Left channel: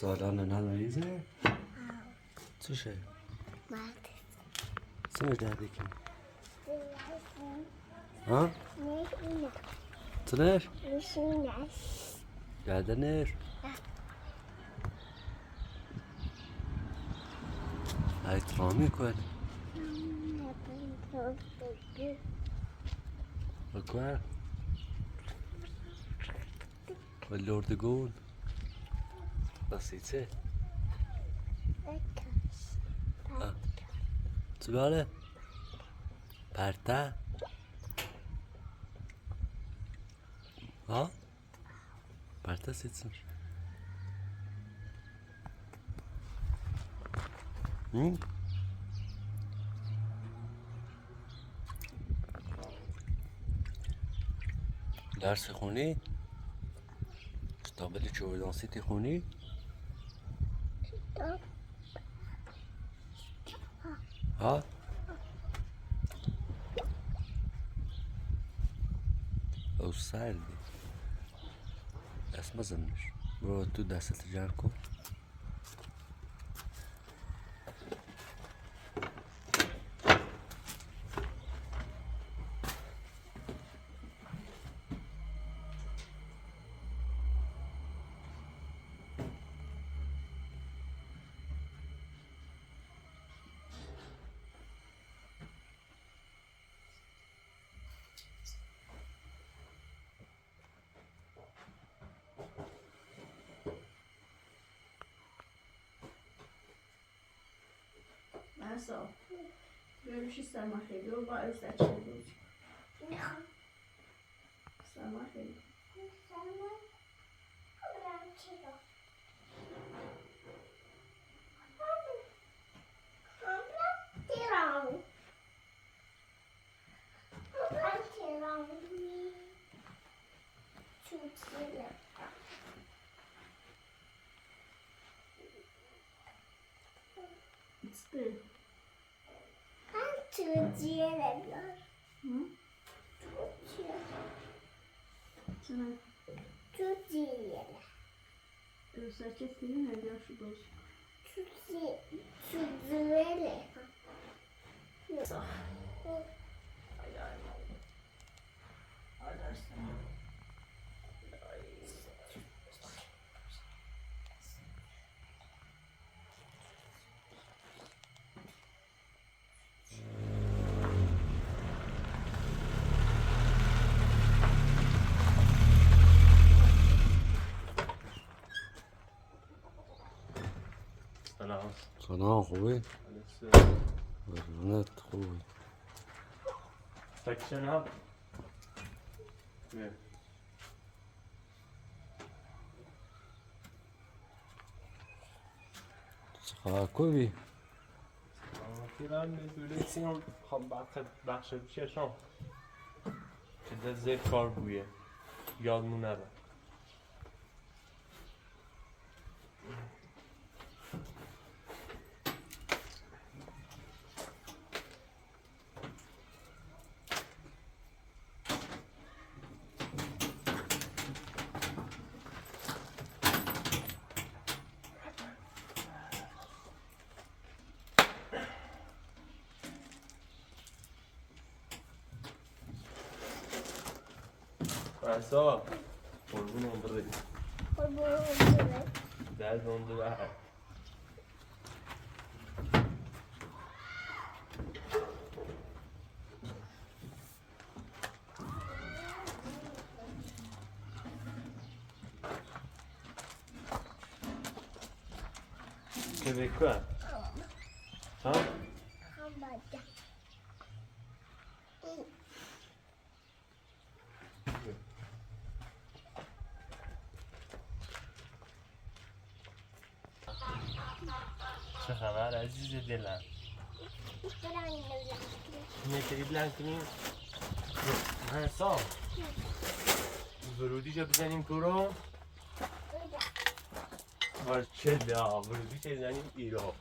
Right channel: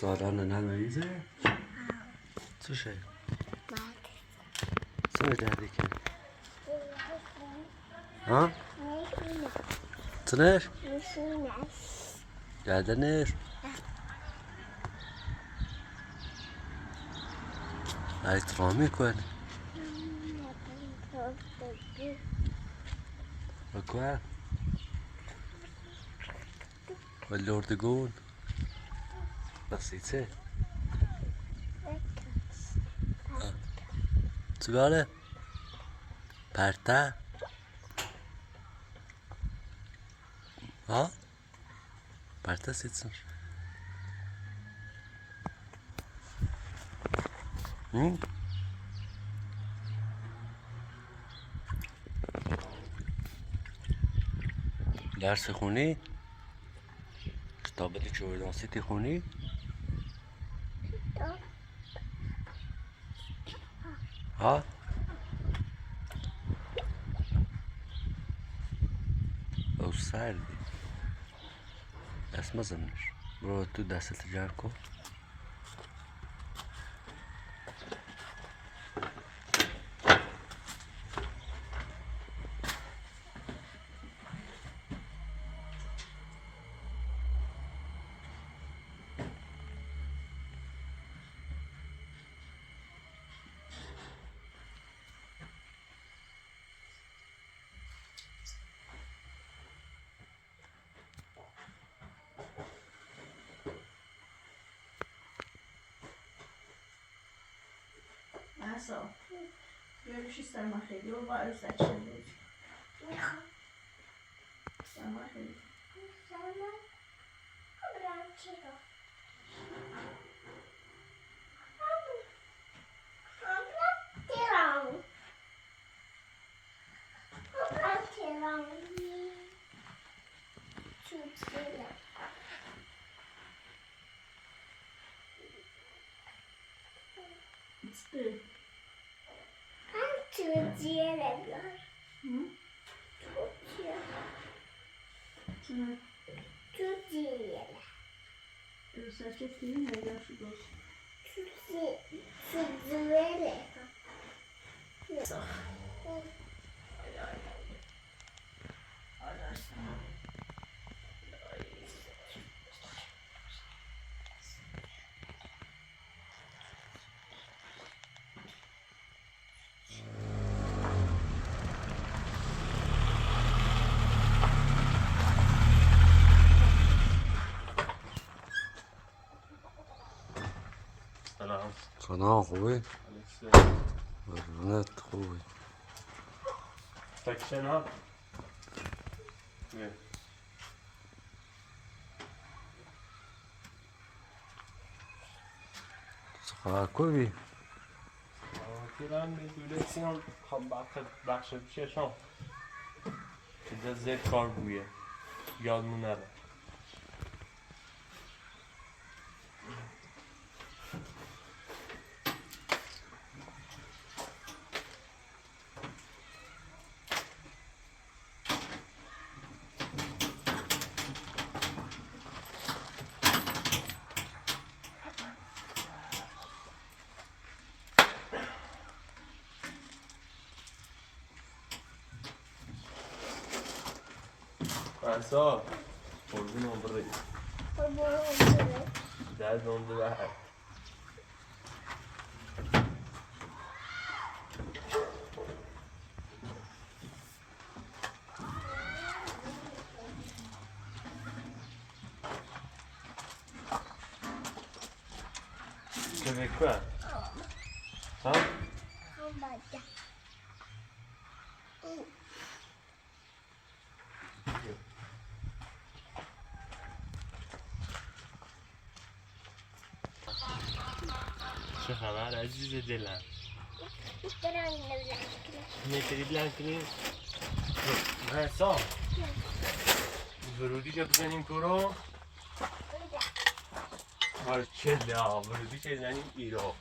Soll dann eine Analyse? Zuschauer. Co je díky? Ha? Co než? Geldi neş? Ay tramı koy. Bakwa. Vad låter det gå? Vad sitter det? Sigara? Parta? Ha? Parta sitter. درس خونی؟ کتاب چوردانسی خونی؟ ها؟ او سردی دست مزنش برو تو دستت جمع کن Asa, görüş isterim xeyli, o var özləşir bu. İsterim xeyli. Serçe filmi ne yaşlı olsun. سلام خوبی؟ قربونت خوبی Section up. Yeah. چقدر خوبی؟ Kiran میدونستیم خب بخش پیششان که زیر کار بویه یادمون نره Asa, قربون برای درد اون دو بر که بکن ها؟ چه خبر عزیز دلم میتونی بلند کنی؟ حساب ورودی چه بزنیم تو رو؟ ماشالله ورودی چه بزنیم ایران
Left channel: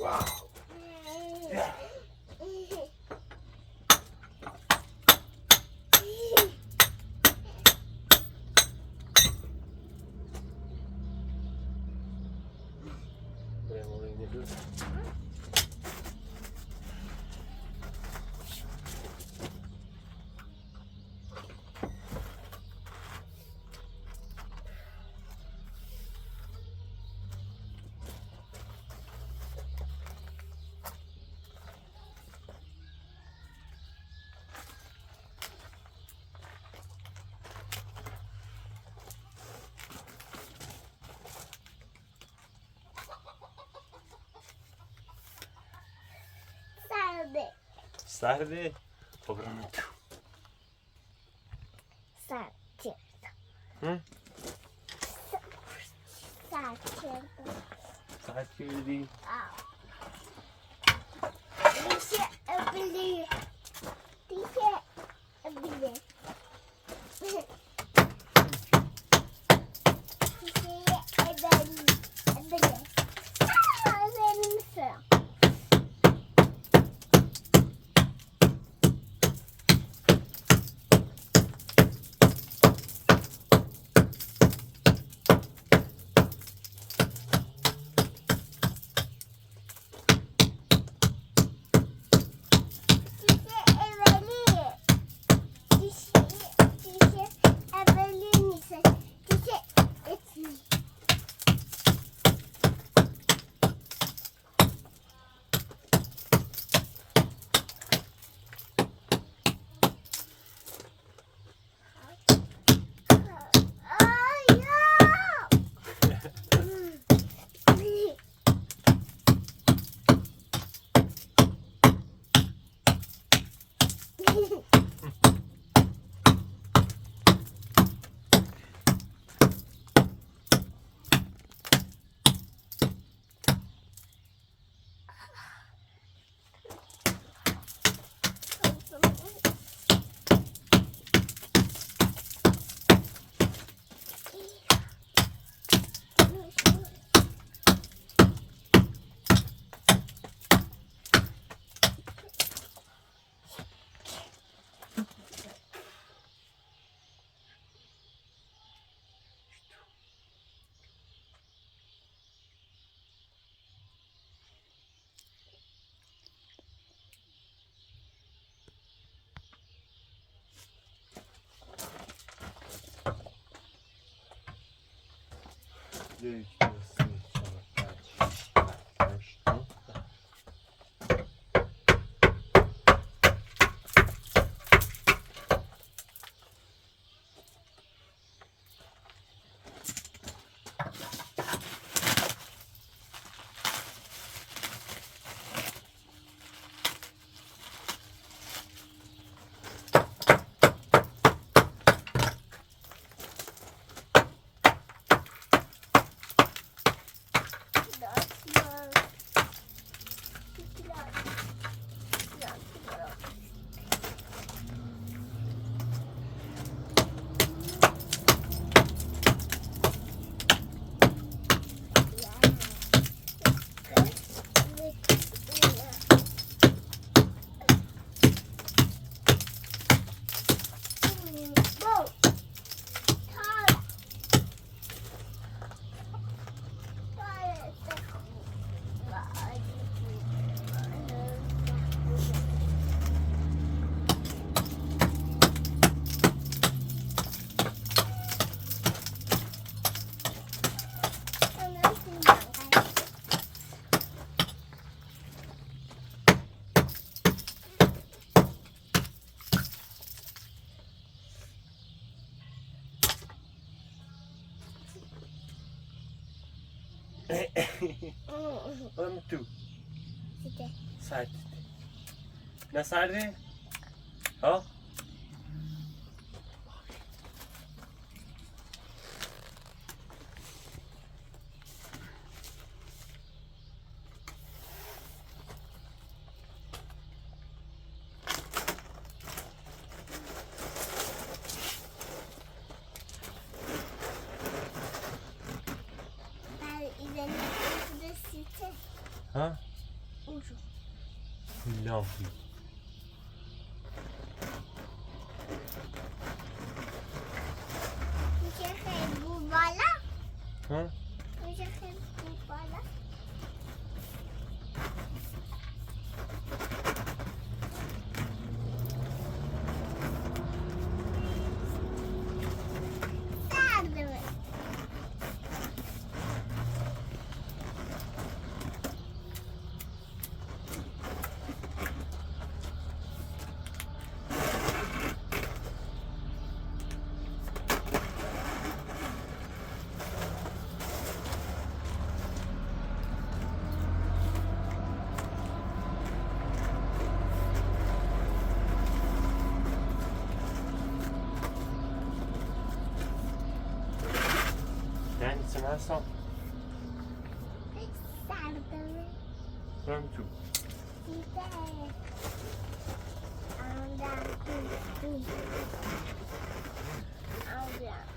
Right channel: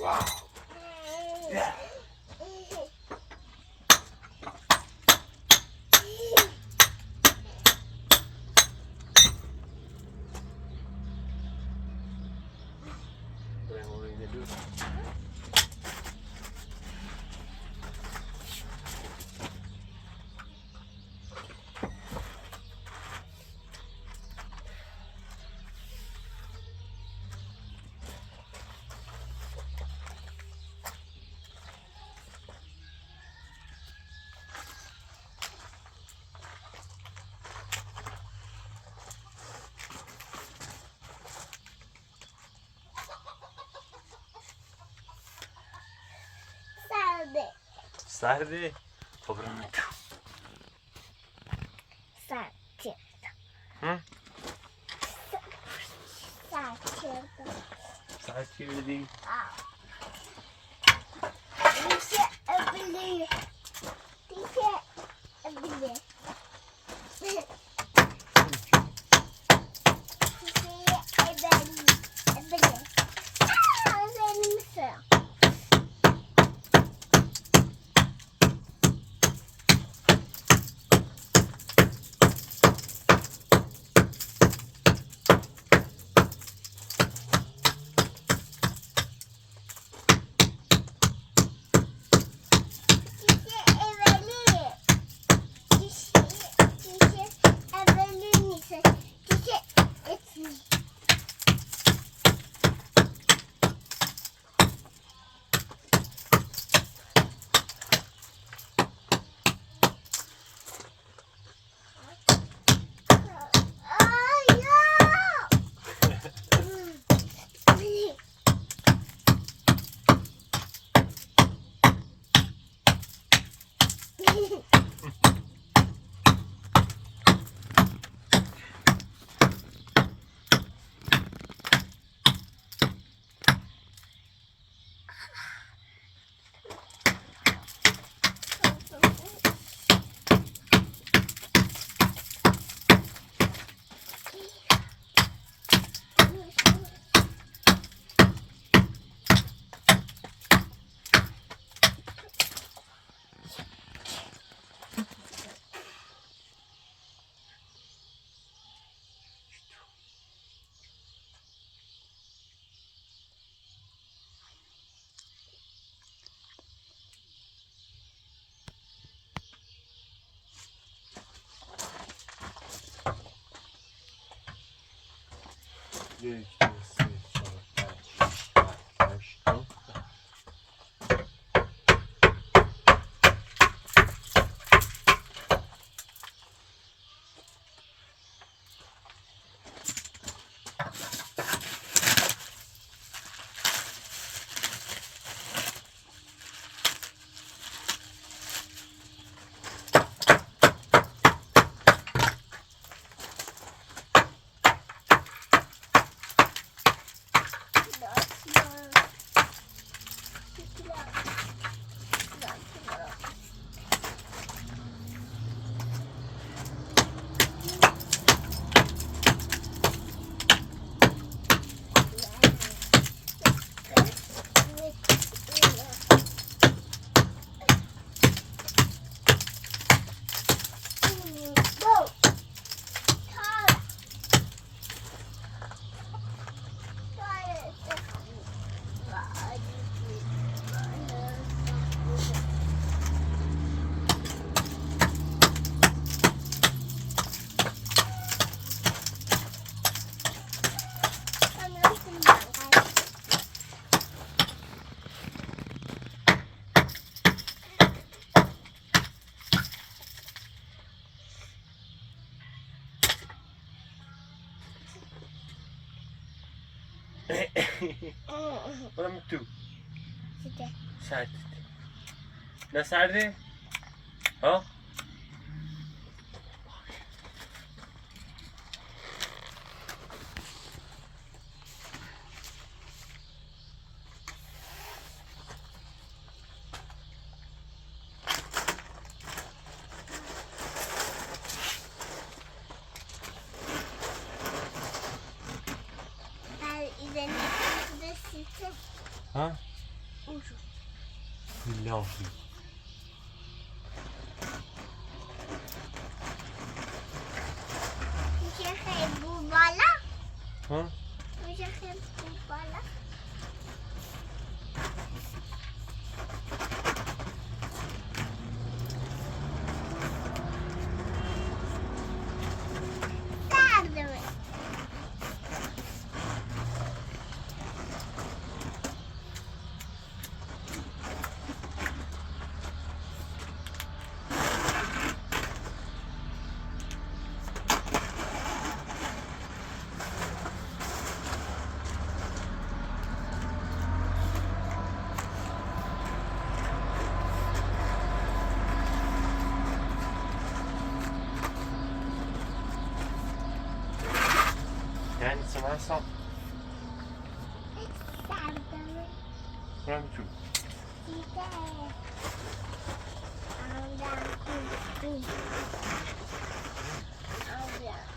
واو سرده خب Sakin. Hı? Sakin. Saat çevirdi. Dişe öbülüyor. Dişe öbülüyor. Dişe öbülüyor. Benim sıram. Bir, iki, üç, dört, beş, altı. Oğlum tu. Sert. Ne serdi? Ha? Ha? İlahi. Ha? من سام سردمه برم تو دیده آمدم کنی آمدم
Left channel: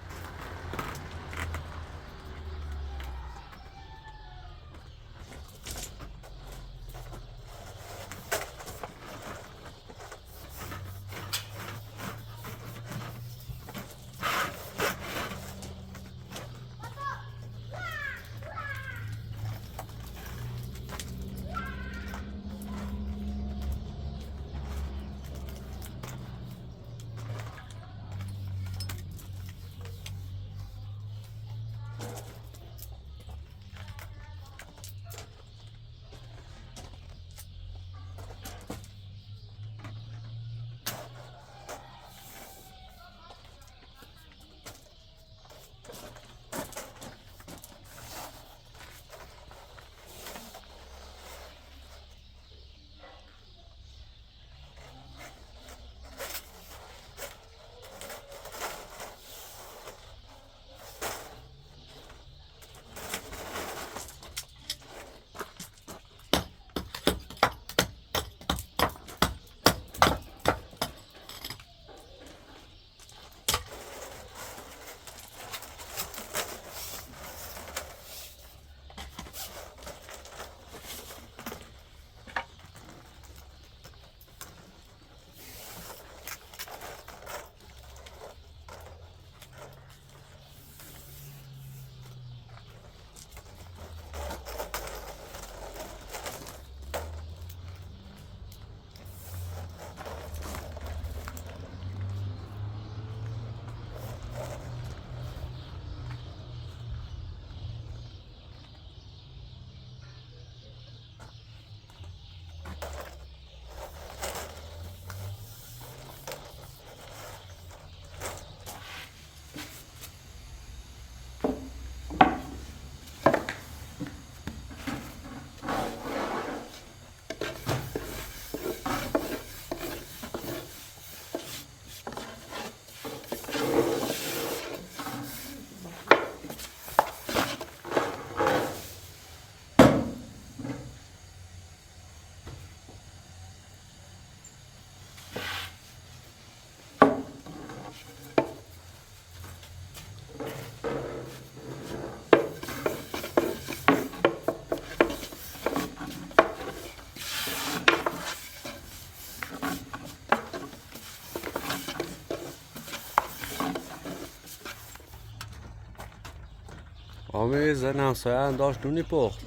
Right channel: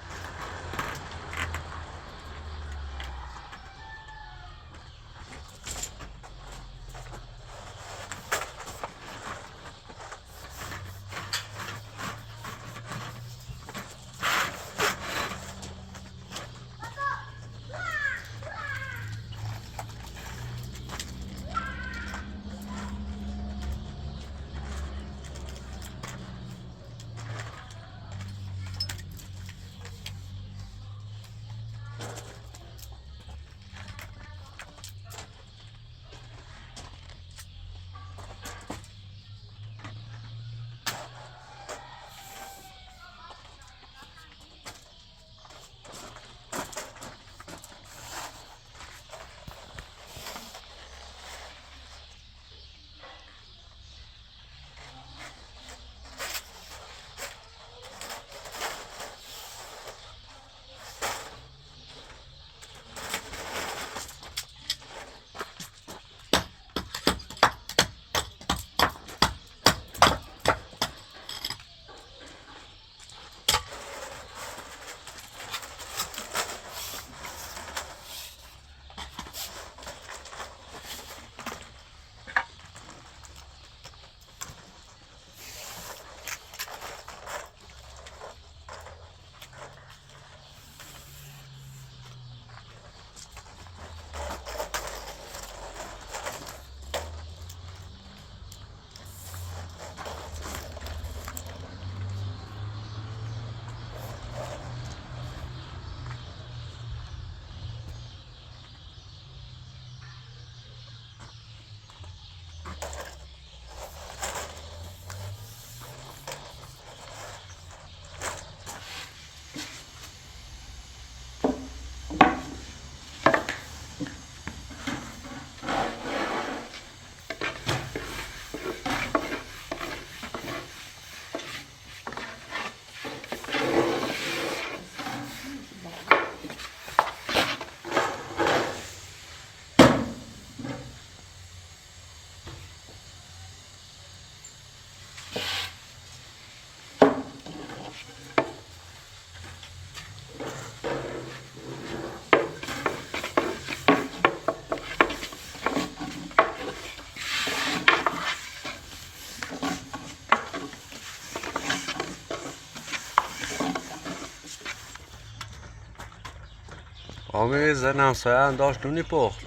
آمی زن همسایه هم داشت نونی پخت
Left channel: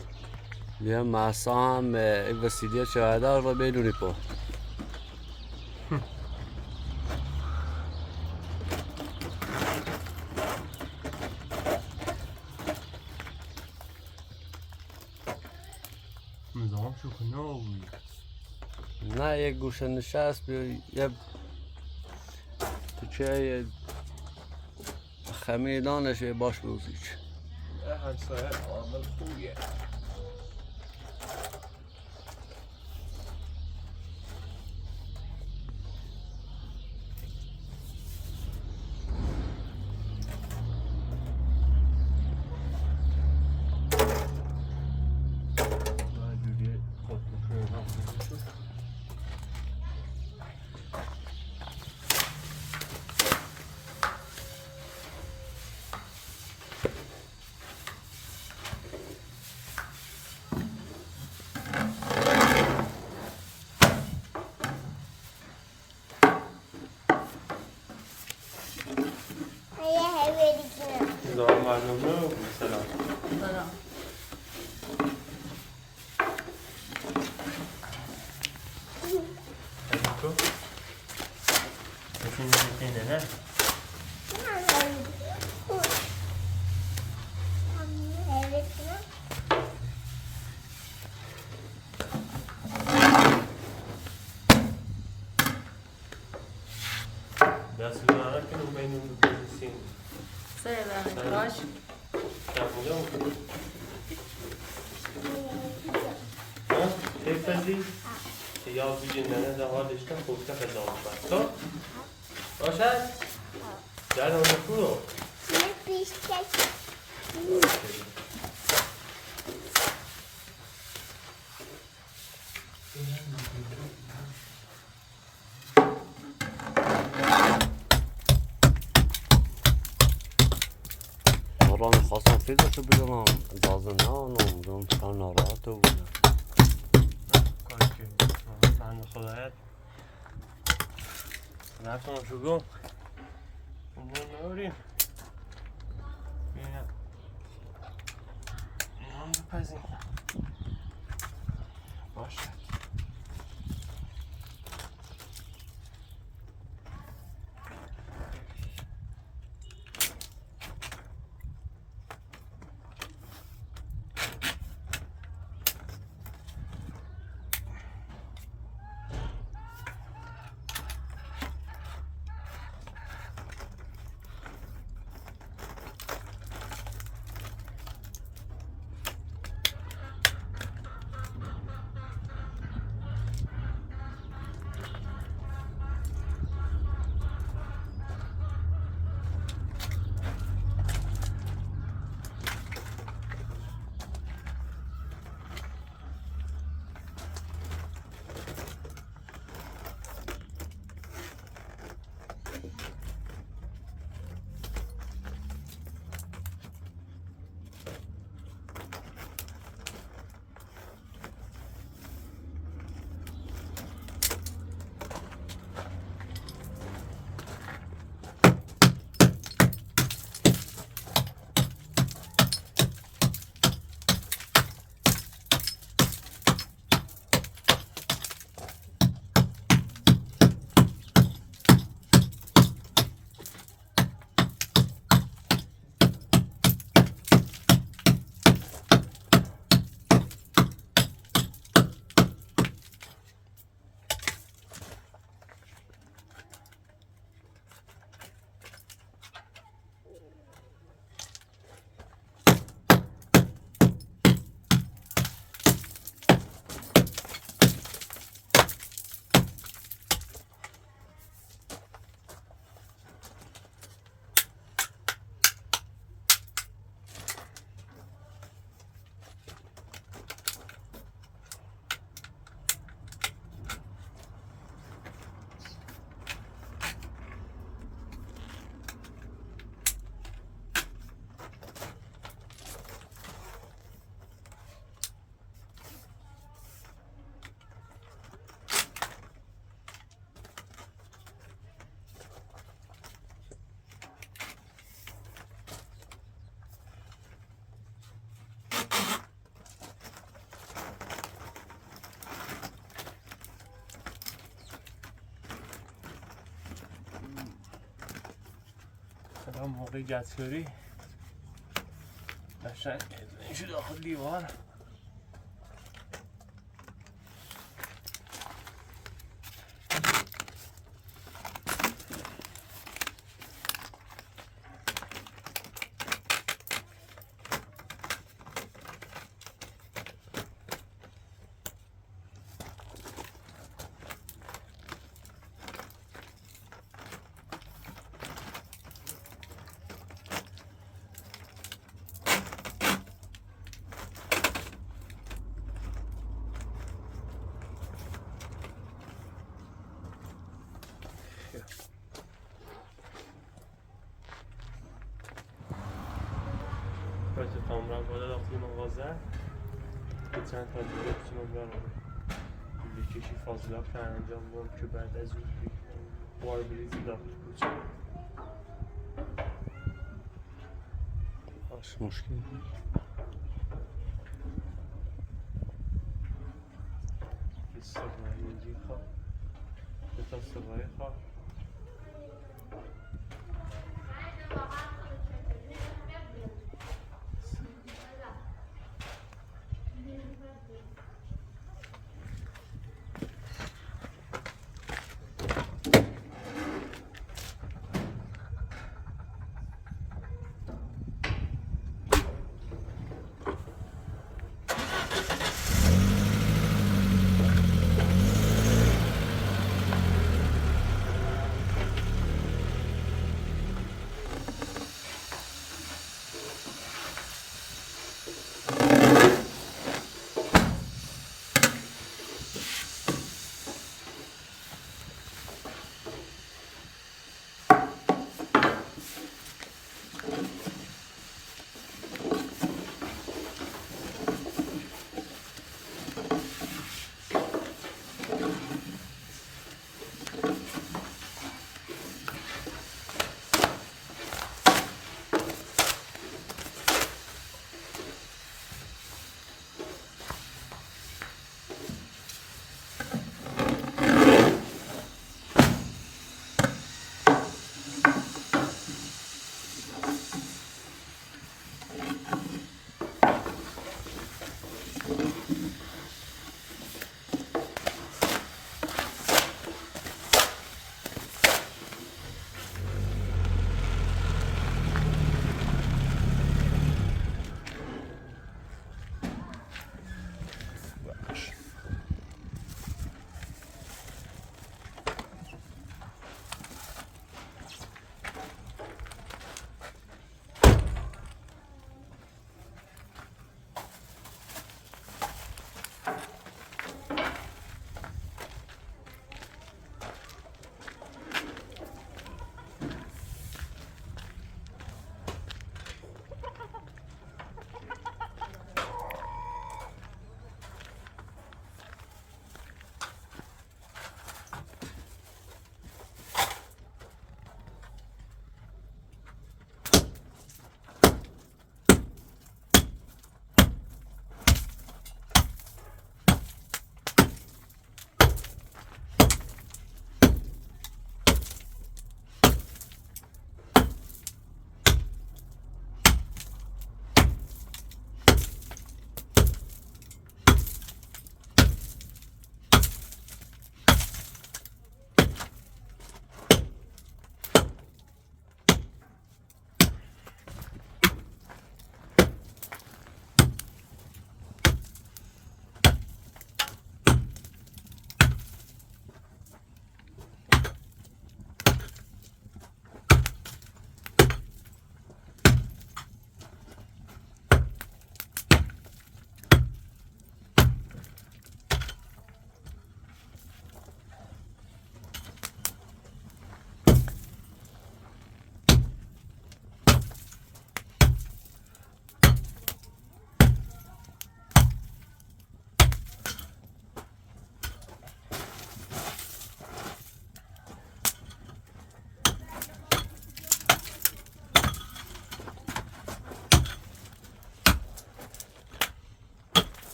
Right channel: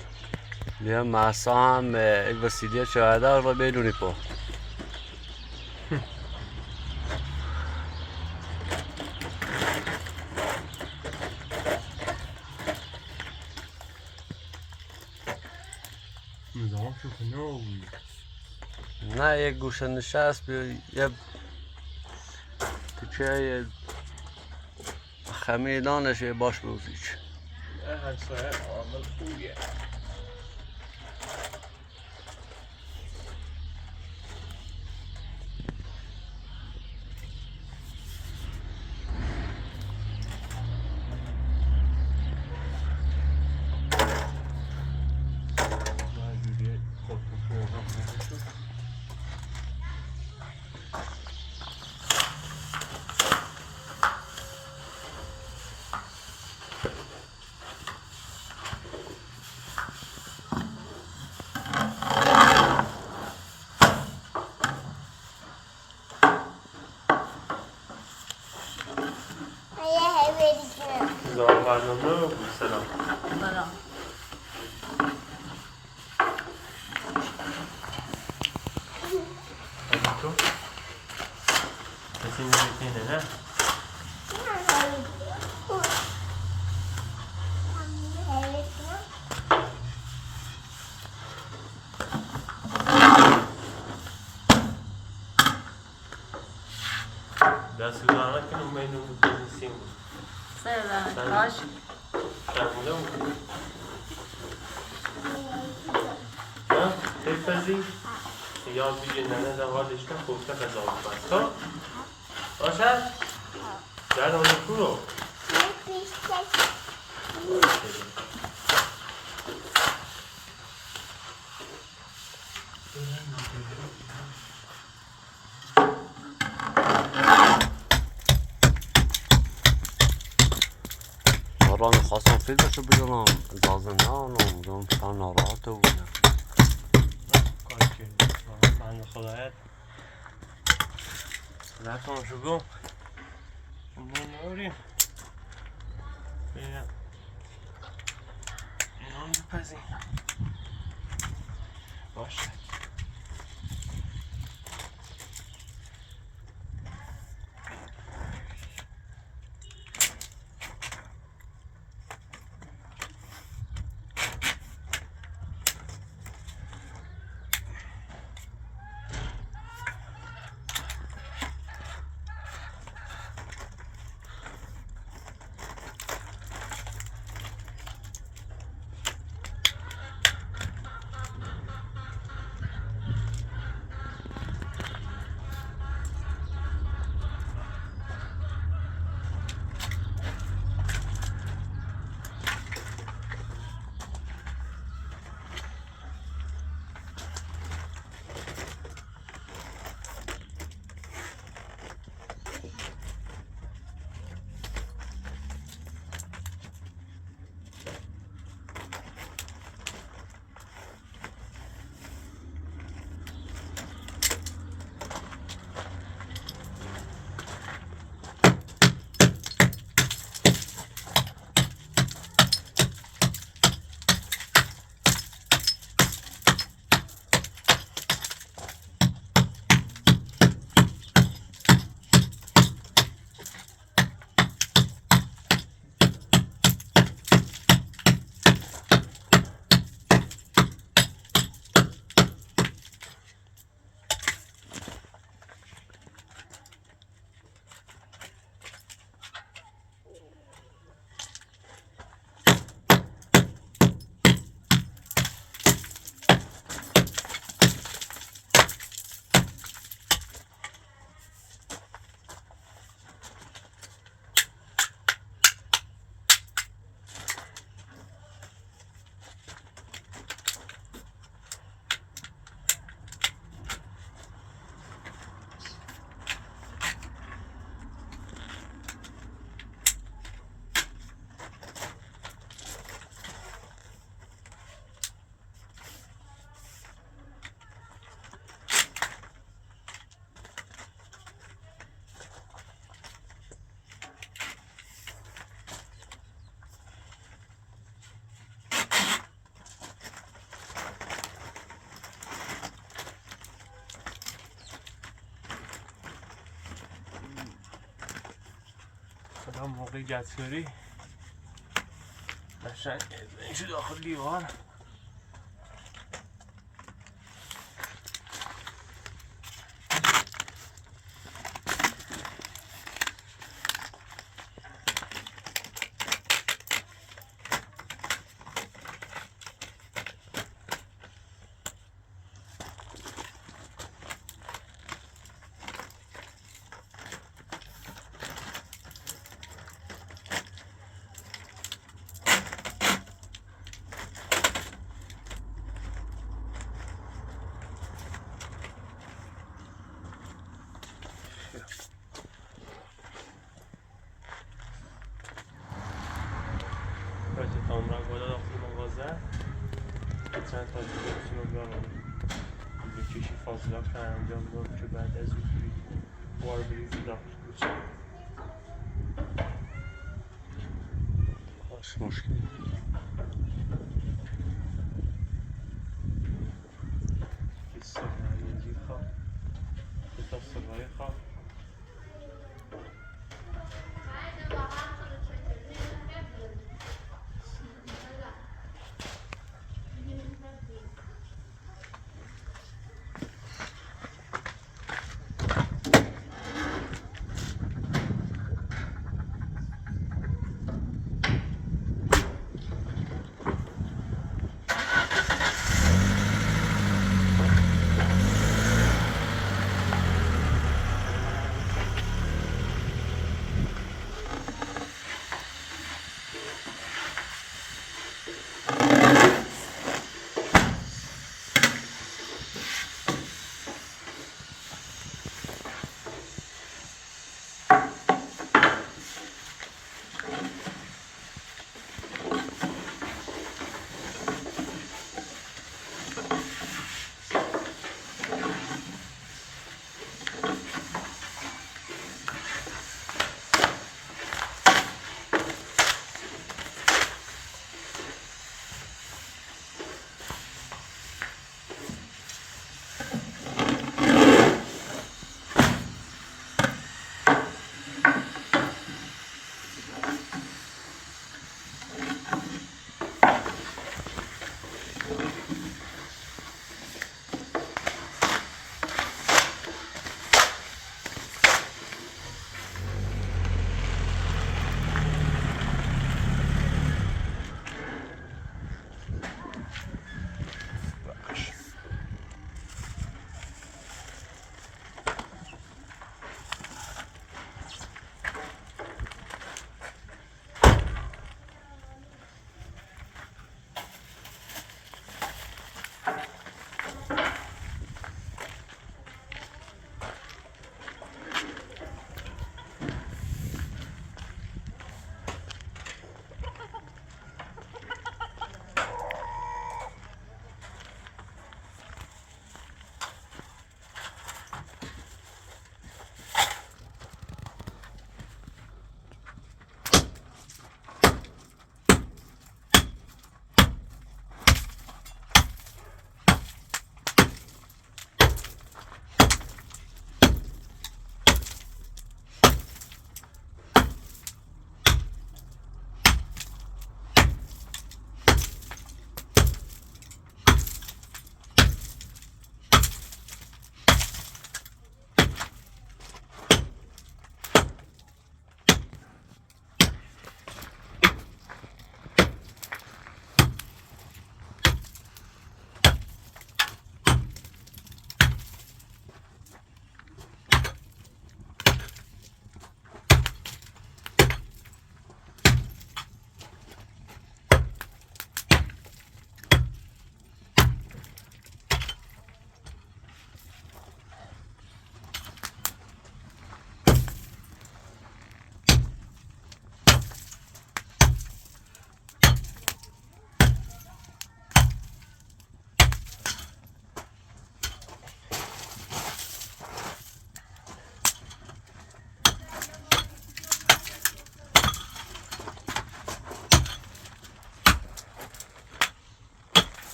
بیا محسا هم این وسیله شاهده رو به نونی پخت نظام شو کنه نه یک گوشه نشست بیا یه تیچه خمیدانش یه باش بوزیچ همسایه عامل خوبیه زمان برنامه سلام سلام تو کسی نمیتینه نه دست زمان که نمینو بودیم سلام باش ترمونه بود ها؟ چه تازی؟ یاد بگیر ننه در حالش که خوبته خجاب بست ها؟ باشد؟ در آنه تو رو؟ را میخواستم فیلمشو بگیرم اجازه نه آنم دارم چند ناراحته بودم کاری که بند خدایت نکنم شو گم اون نوریم بینم اینا هم بپزیم باشه الان موقع گتگاری قشنگ اینجا داخل دیوار ارتفاع را بالا داخل مغازه چند تا دیگه بسیمون بیارم بکشی فاضلات رو انجام دارم که بعد از اون وار بریزی داخل بچه باش مشکل سرمایه‌گی خواه تا سرمایه خواه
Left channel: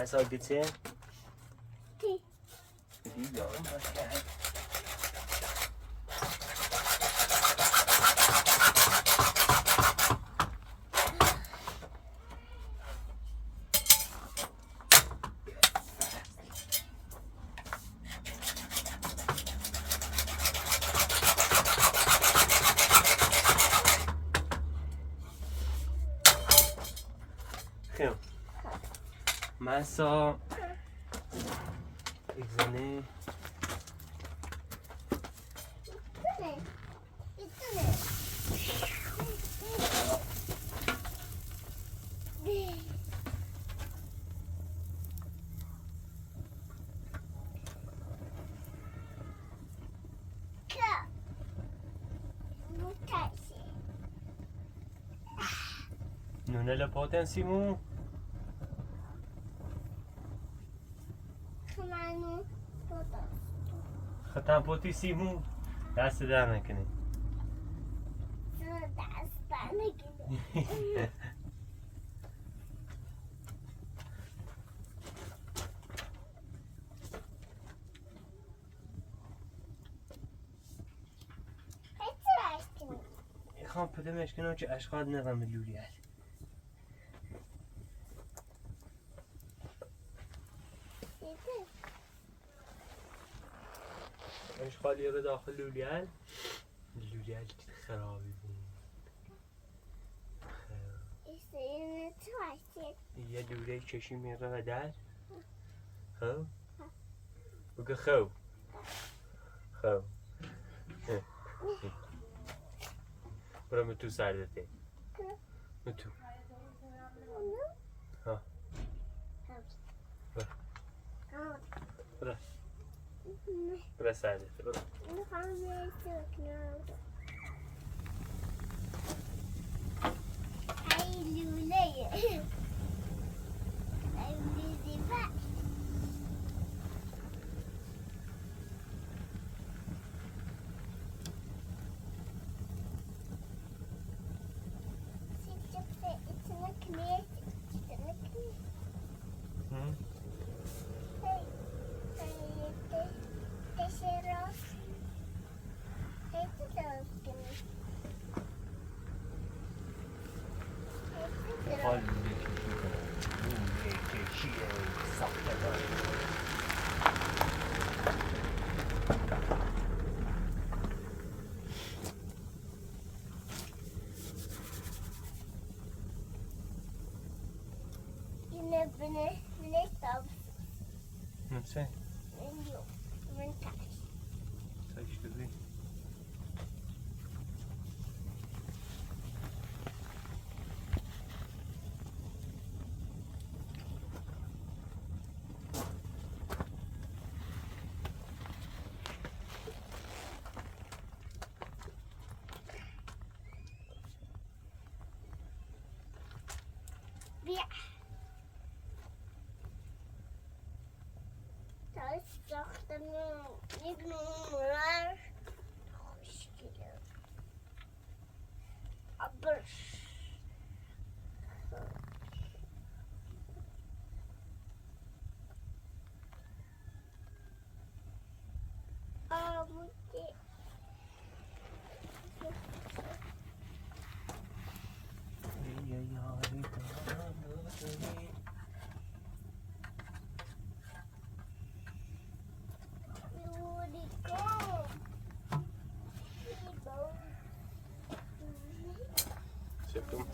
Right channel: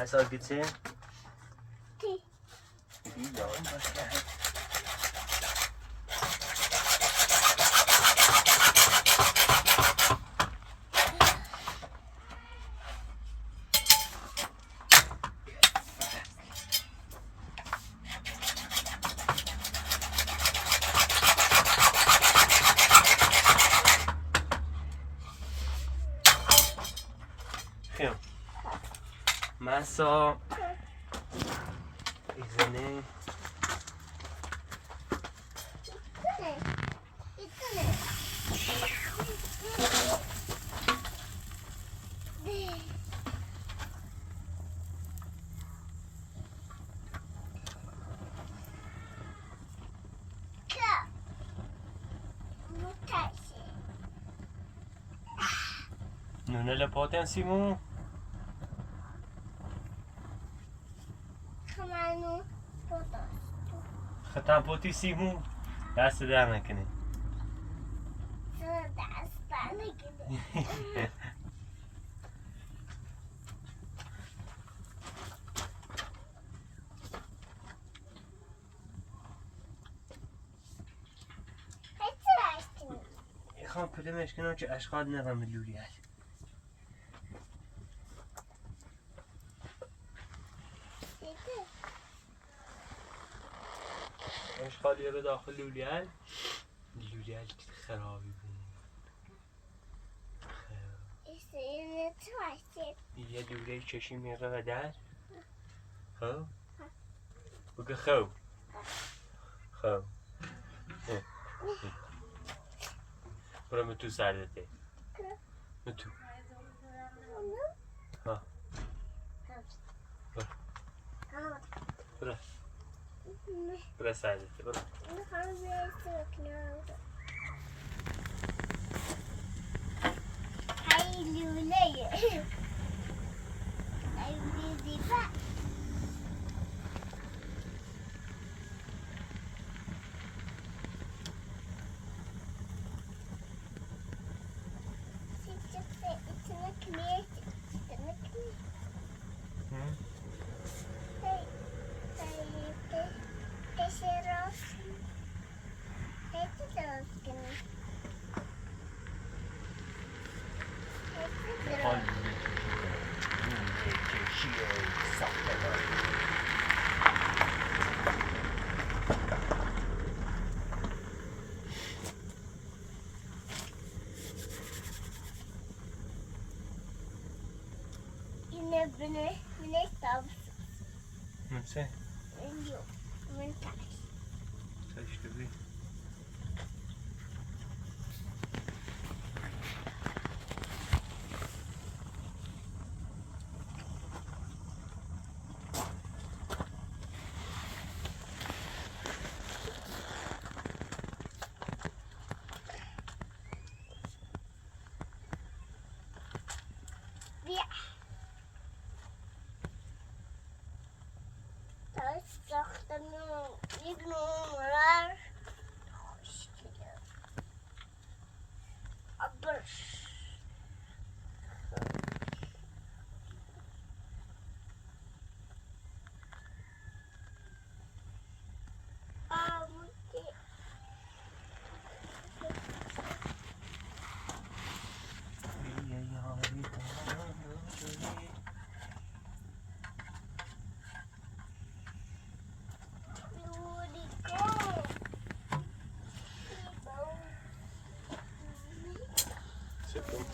Massa bitte. Die. Die da unten. Massa izini Ne? Itu ne? non è la potenza Kemana foto? خطا potissimo دست در نکنی Sudah gini. میخوام پدمش کنم که اشغال نقم لولی هست اشغال یه به داخل لولی هست خرابی بود یه لوله چشی میقه و در خب بگه خب خب برو متو سردته متو ها برو برو سردته برو Hai lule ya. Hai lule pak. حال لوله چشی ساخته داره Yine bine tabs. من سه Yok. Ben taş. سایش بی Bir. Taş saktan bir numara. Hoş geliyor. Aber. سکون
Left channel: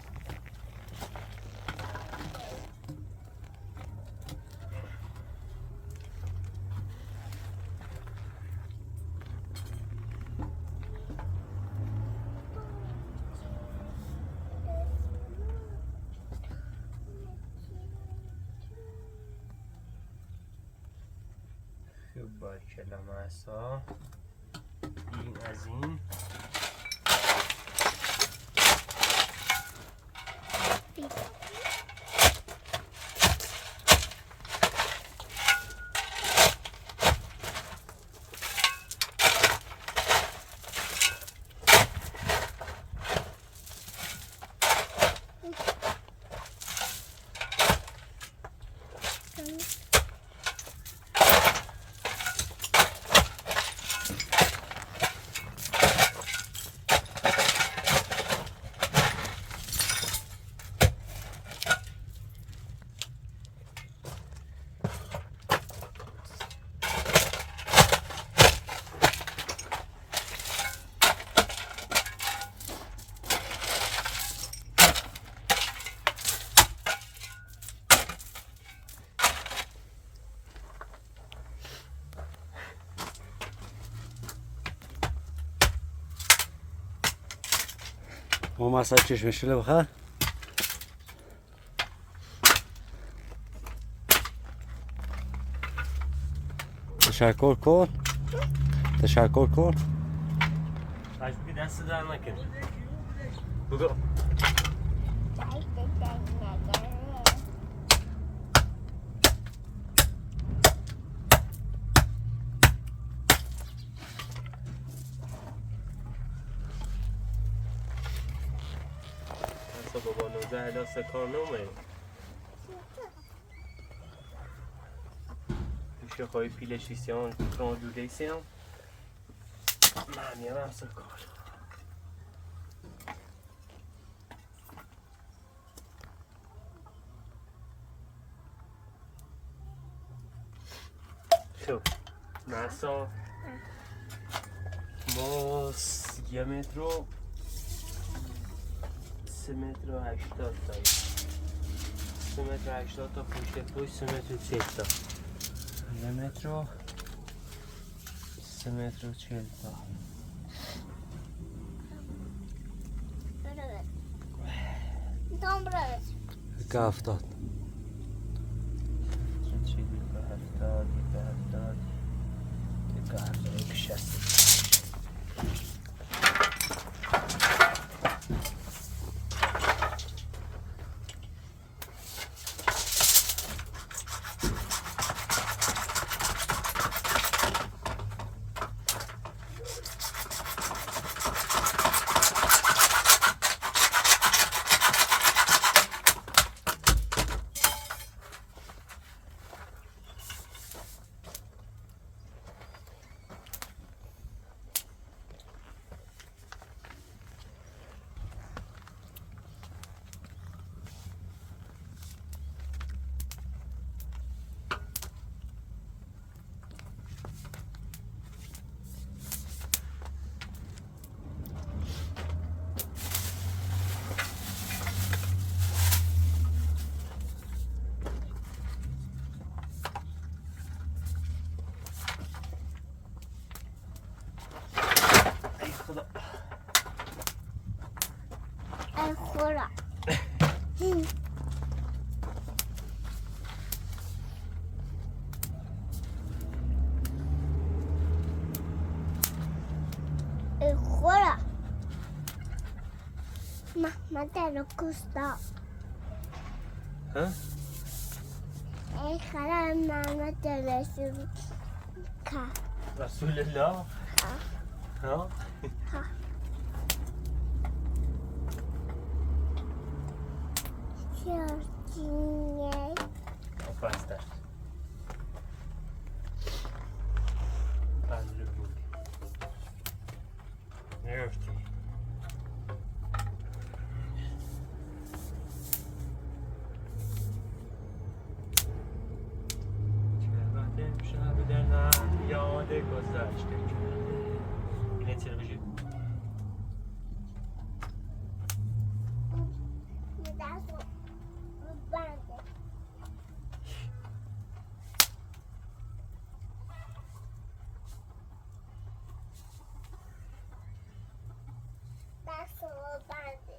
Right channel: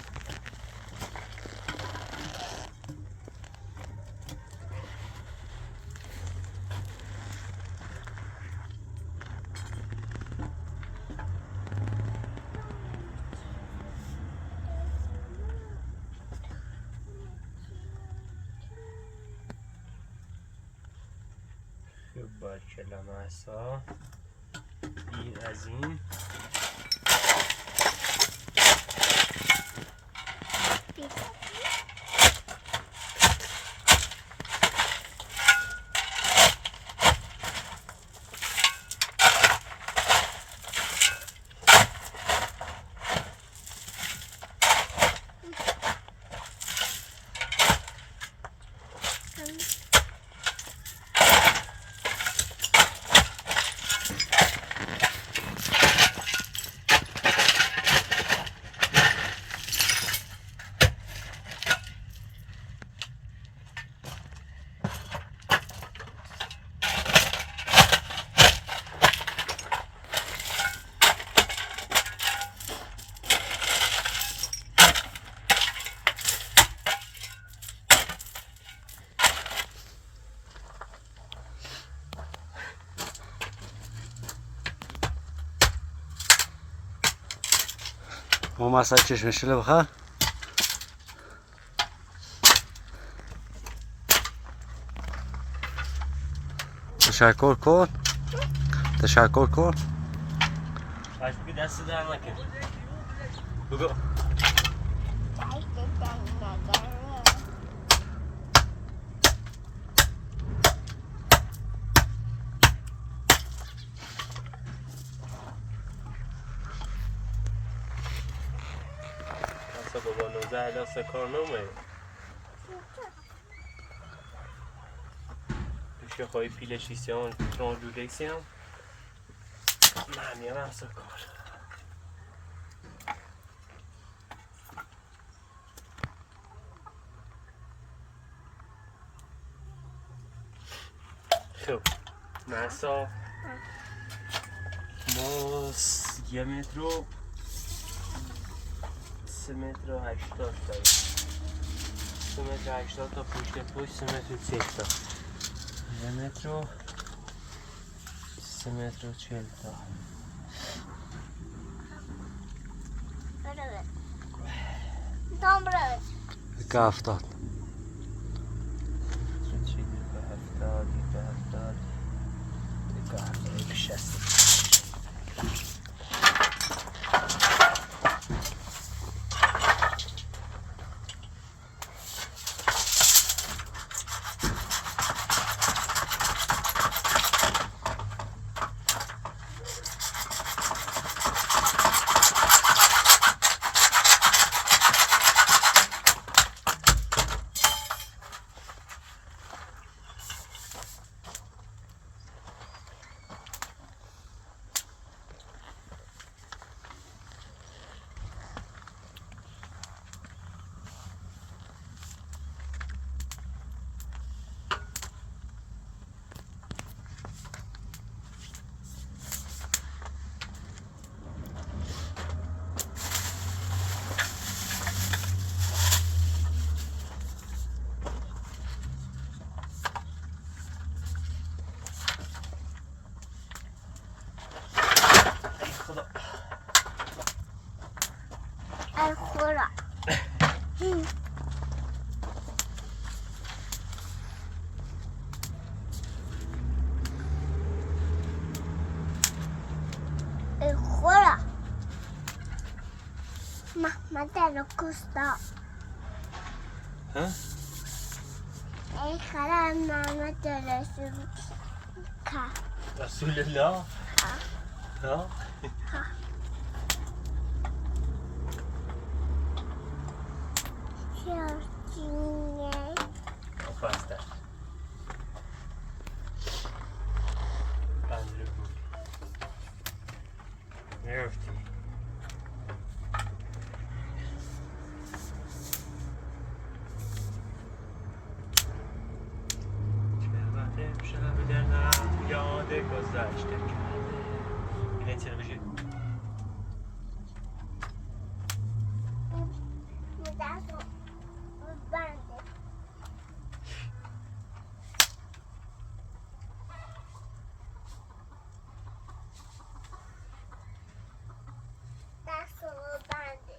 خوب باشه لامسا این از این Kami ما مسای چشم شله بخواه تشکر کن تشکر کن از بی دست در نکن بگو اصلا بابا 19 الا سه کار نمه پیش خواهی پیلش ایسیان تران دوده ایسیان معنی هم اصلا کار خب مرسا ما 1 متر و 3 متر و 80 داریم 3 متر و 80 تا پشت 3 متر و 30 تا 1 متر و 3 متر و 40 تا که 70 چیزی که 70 که 70 که 60 خدا ای خدا ای خدا محمد رو کشتا ها؟ ای خدا محمد رسول کرد رسول الله ها؟ چرچینه آفرسته بندل بودی میرفتی شب دلم یاد گذشته کرده اینه چرا بشید دست رو بنده دست رو بنده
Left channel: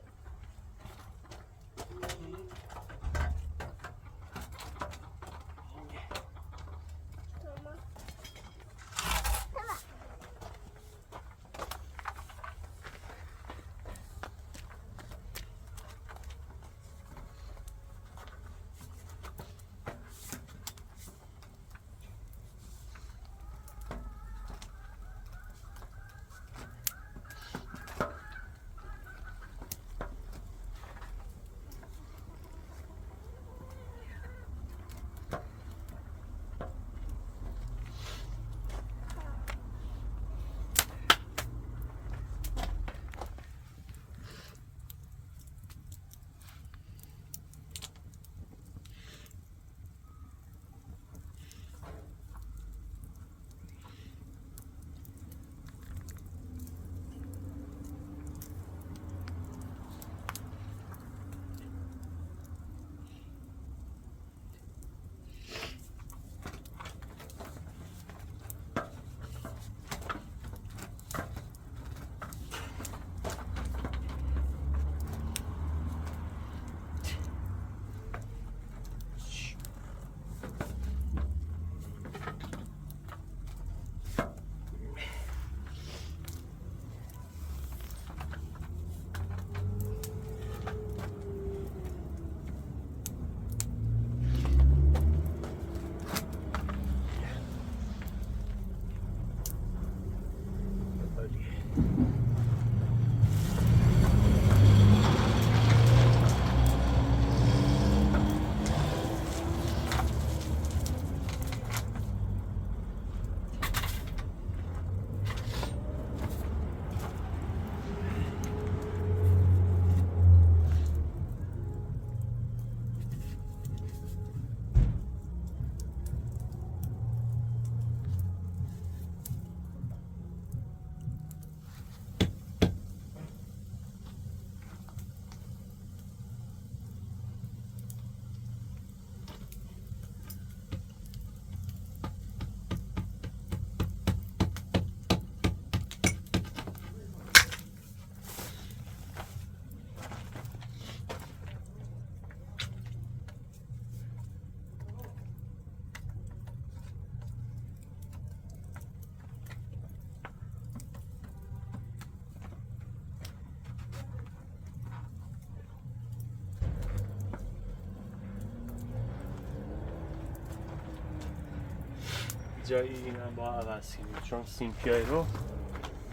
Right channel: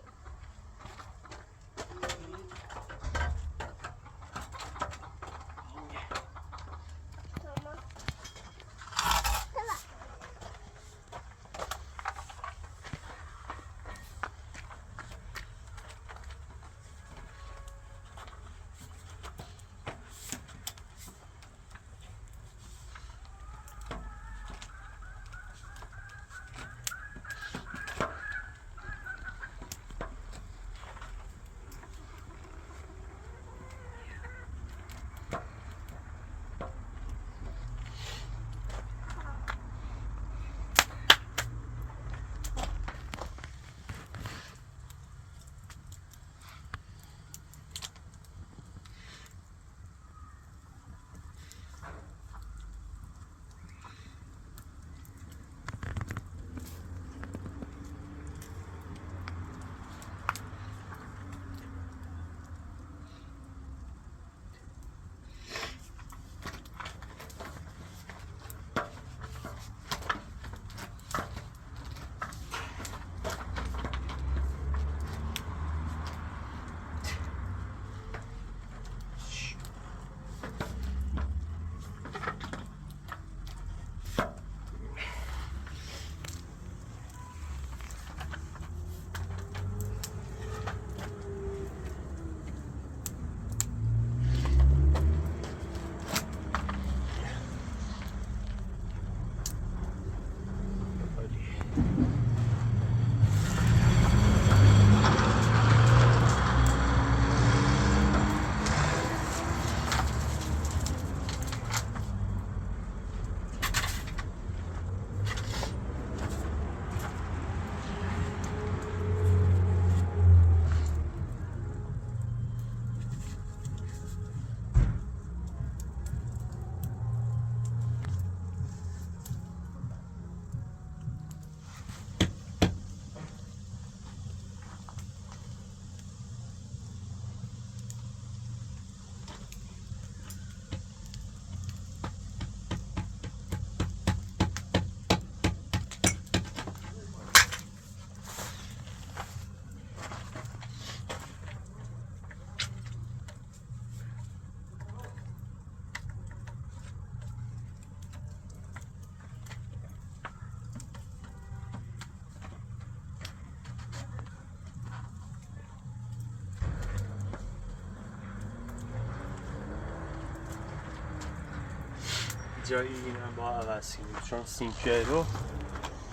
جای این هم با عوض کنیم چون سینکه رو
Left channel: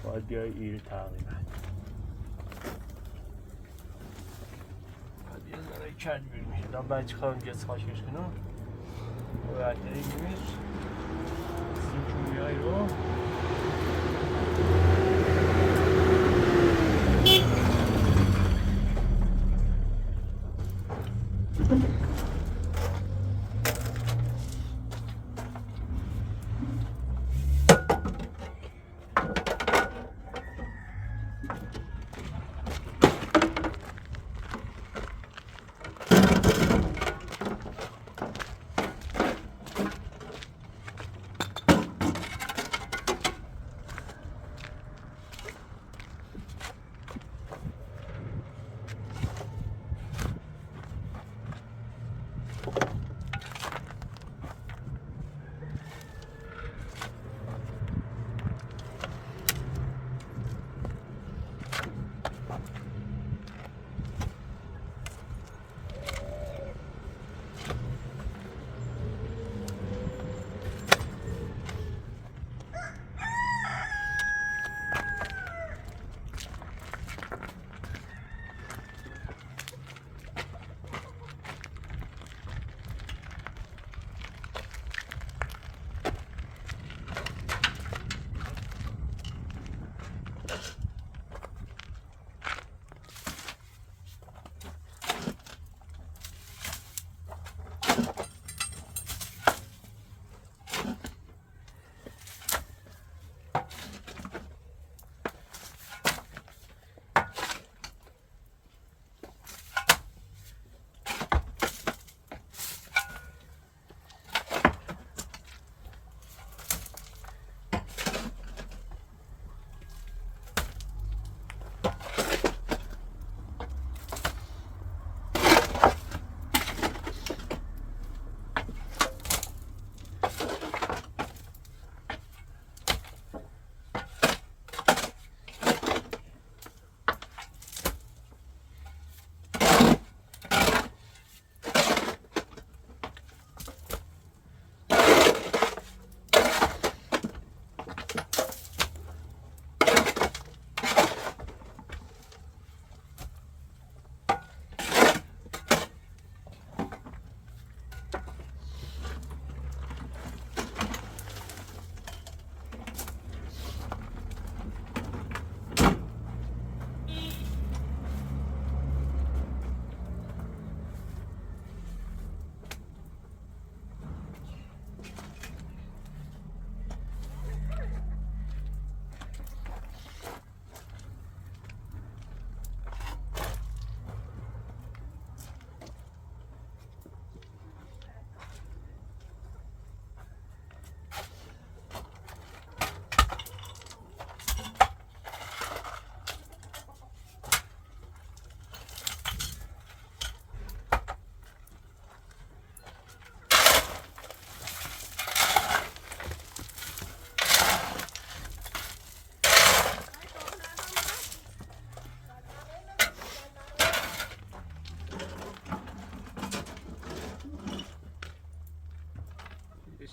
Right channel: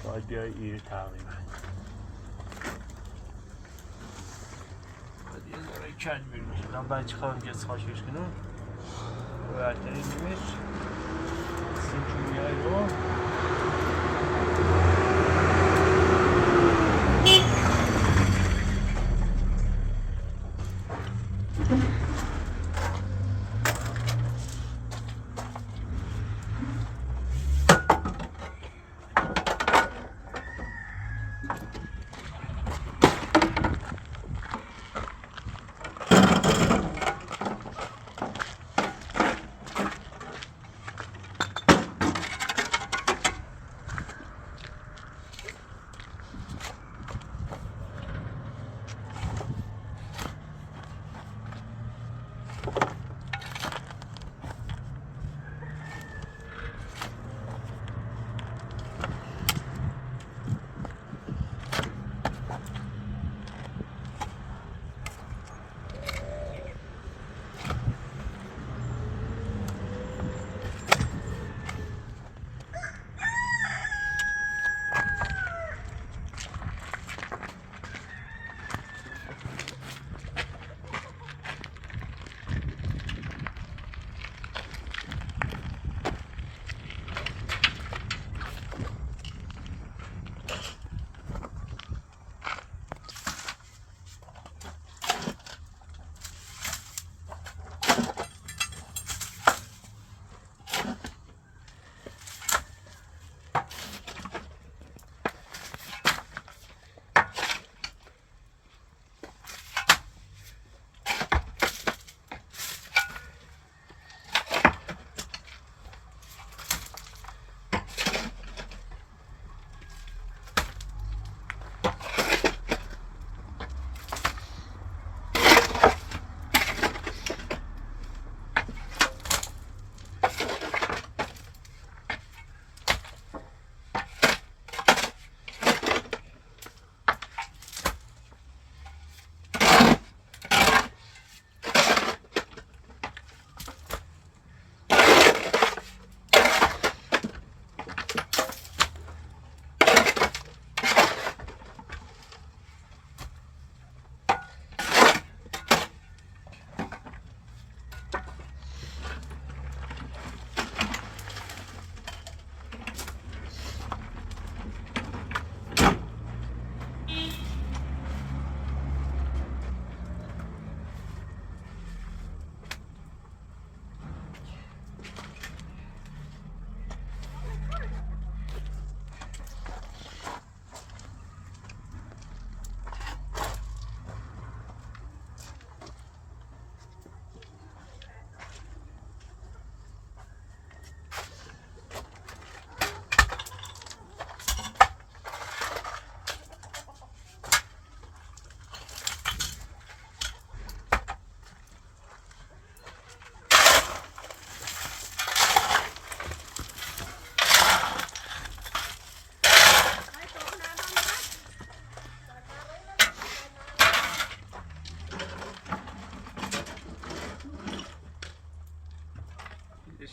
باید بیای ایر تقریبا باید یه ذره کل بریم من بچه خواهم گز خاشش کنم باید بریمش سینکه های رو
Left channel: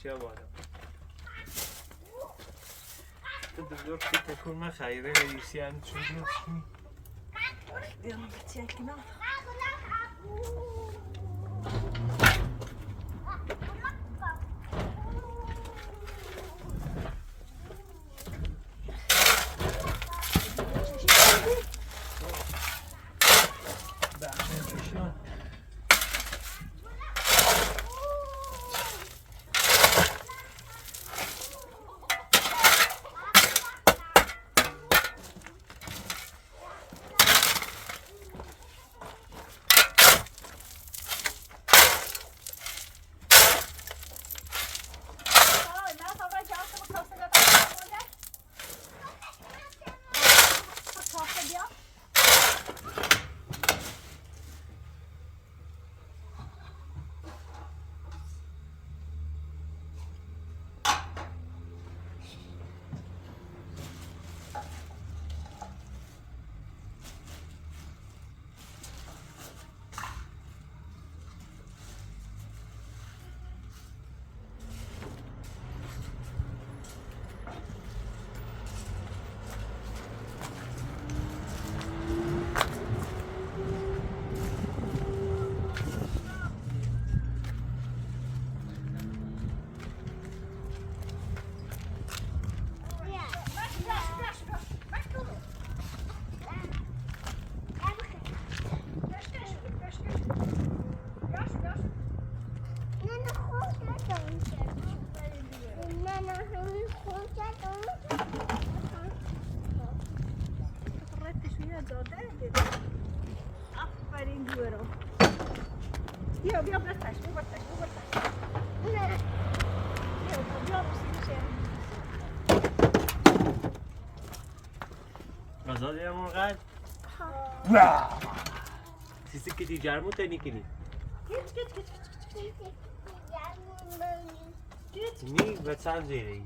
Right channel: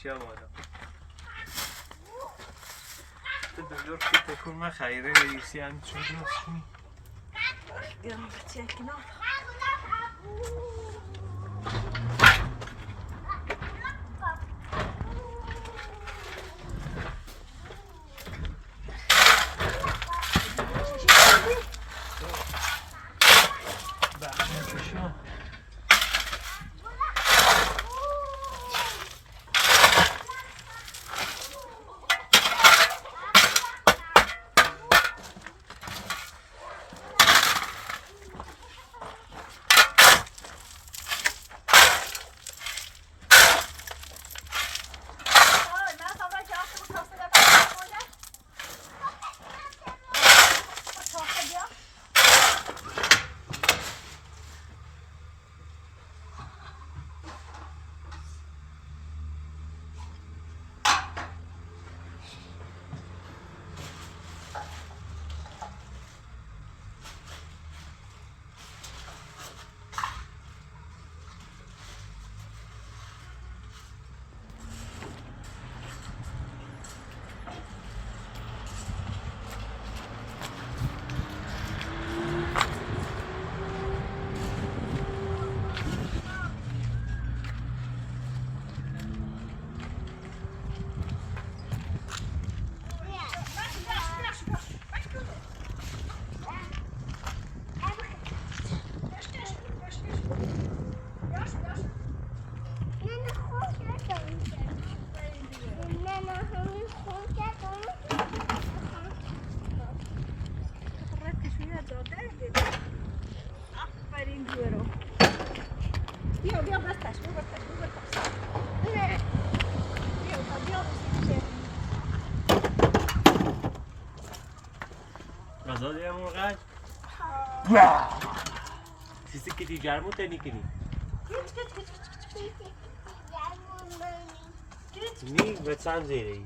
اشیا بالا دلار که تکون من خیره رئیسی هم چون نیستی بیام بچه کنار زاده آفرین جورو بیا بیا بستش بیا بستش بیا بستش نه بیا بستش غذا دیگه قد سیسی که دیگر مو تنی کنی نی به چند زیره ای